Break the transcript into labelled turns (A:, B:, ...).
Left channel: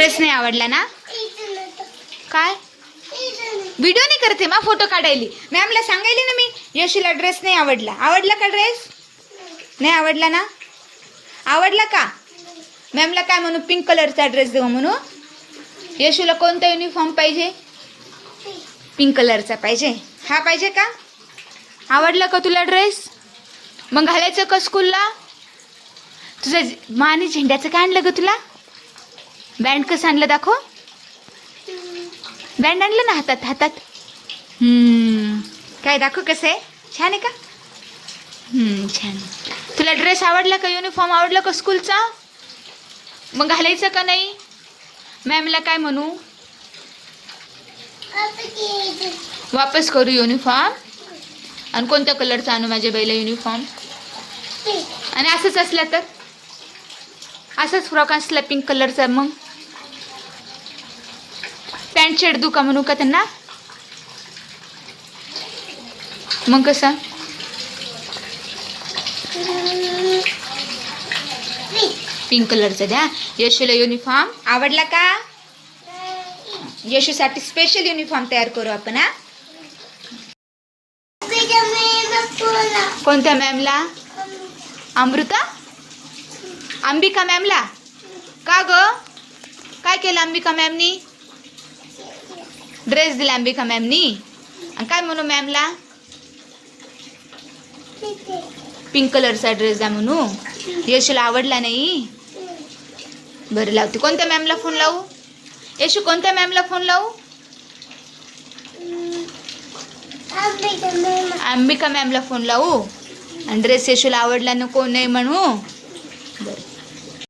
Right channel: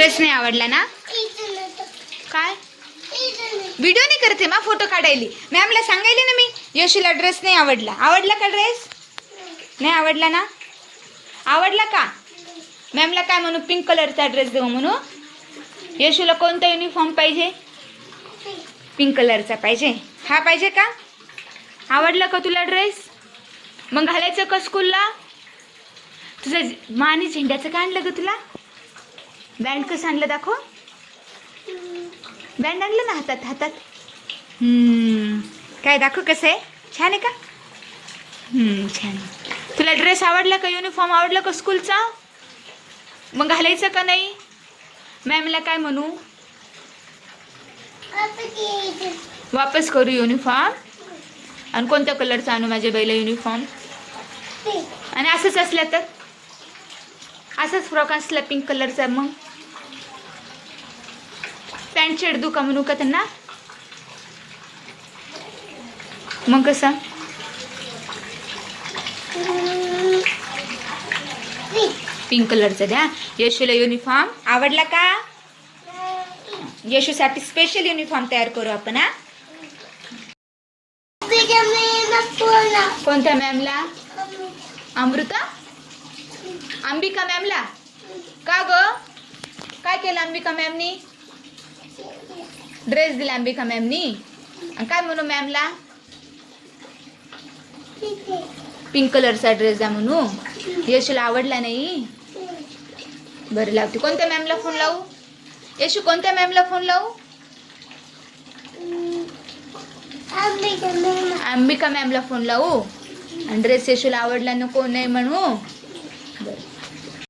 A: Dress नाही आवडला ना? काय? व्हिडिओ नाही करते मा फोटो काढायली. मॅमला सांगायले ना मी यशूला ड्रेस नाही आवडला. आवडला का ड्रेस नाही आवडला ना? आवडला का? मॅमला काय म्हणू पिंक कलरचा ड्रेस देऊ म्हणू? यशूला कोणता युनिफॉर्म पाहिजे? पिंक कलरचा पाहिजे. हा पाहिजे का? आवडला का तुला ड्रेस मग घालायचं का स्कूलला तुझं माने झेंड्याचं काय आणलं ग तुला? बँड कसं आणलं दाखव. बँड आणलं ना हातात हातात. काय दाखव कसं? आहे छान आहे का? हम्म, छान. तुला ड्रेस आवडला का? युनिफॉर्म आवडला का स्कूलचा मग घालायचं का नाही? मॅमला काय म्हणू? वापस करू युनिफॉर्म आणि कोणत्या कलरचा आणू माझ्या बाईला युनिफॉर्म आणि असंच असलं तर? असंच फ्रॉक असला पिंक कलरचा मग? पॅन्ट शर्ट दुका का म्हणू का त्यांना? मग कसं? पिंक कलरचा द्या. यशूला युनिफॉर्म आवडला का? यशूसाठी स्पेशल युनिफॉर्म तयार करू आपण हा? कोणत्या मॅमला अमृता? अंबिका मॅमला का ग? काय केलं अंबिका मॅमनी ड्रेस दिला अंबिका मॅमनी आणि काय म्हणू मॅमला पिंक कलरचा ड्रेस द्या म्हणू यशूला आवडला नाही बरं लावते कोणत्या मॅमला फोन लावू यशू कोणत्या मॅमला फोन लावू अंबिका मॅमला फोन लावू आणि ड्रेस यशूला आवडला नको नाही म्हणू